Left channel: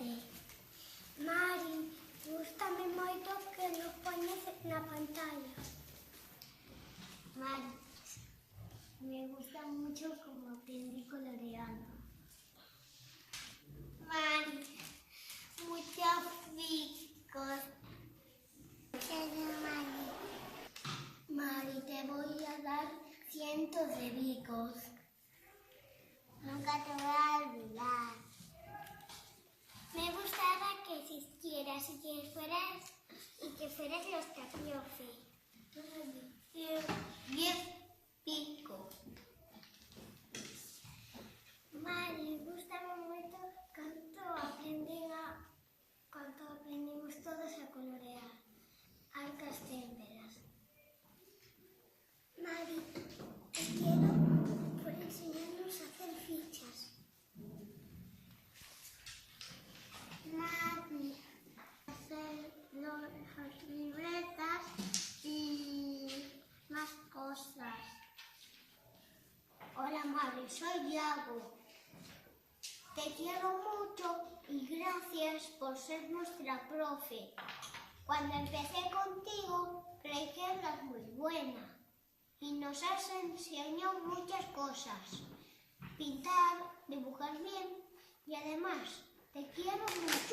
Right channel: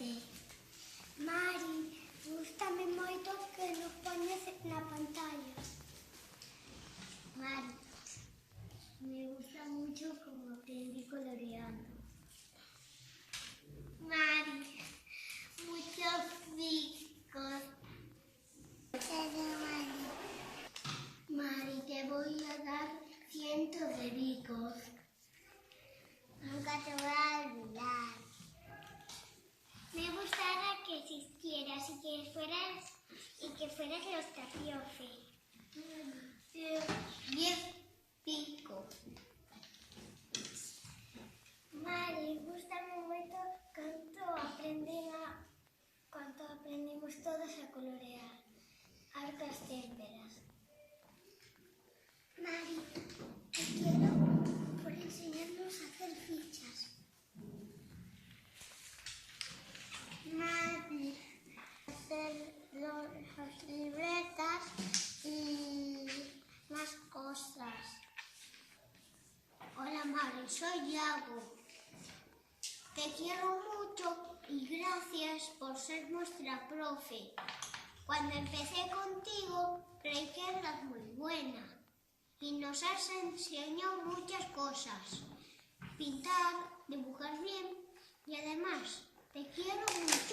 Cuídate. Mari, gústame moito que nos poñes na pantalla. Mari, me gusta mucho como aprendí coloreando. Mari, muchos bicos. Mari. Mari, te voy a dar cientos de bicos. Nunca te voy a olvidar. Me gustara que existieras y que fueras los Tapiofe. 10 picos. Mari, gústame moito canto aprendimos todos a colorear arcas témperas. Mari, te quiero por enseñarnos a hacer fichas. Mari, hacer las libretas y más cosas. Hola Mari, soy Iago. Te quiero mucho y gracias por ser nuestra profe. Cuando empecé contigo creí que eras muy buena y nos has enseñado muchas cosas. Pintar, dibujar bien y además te quiero mucho.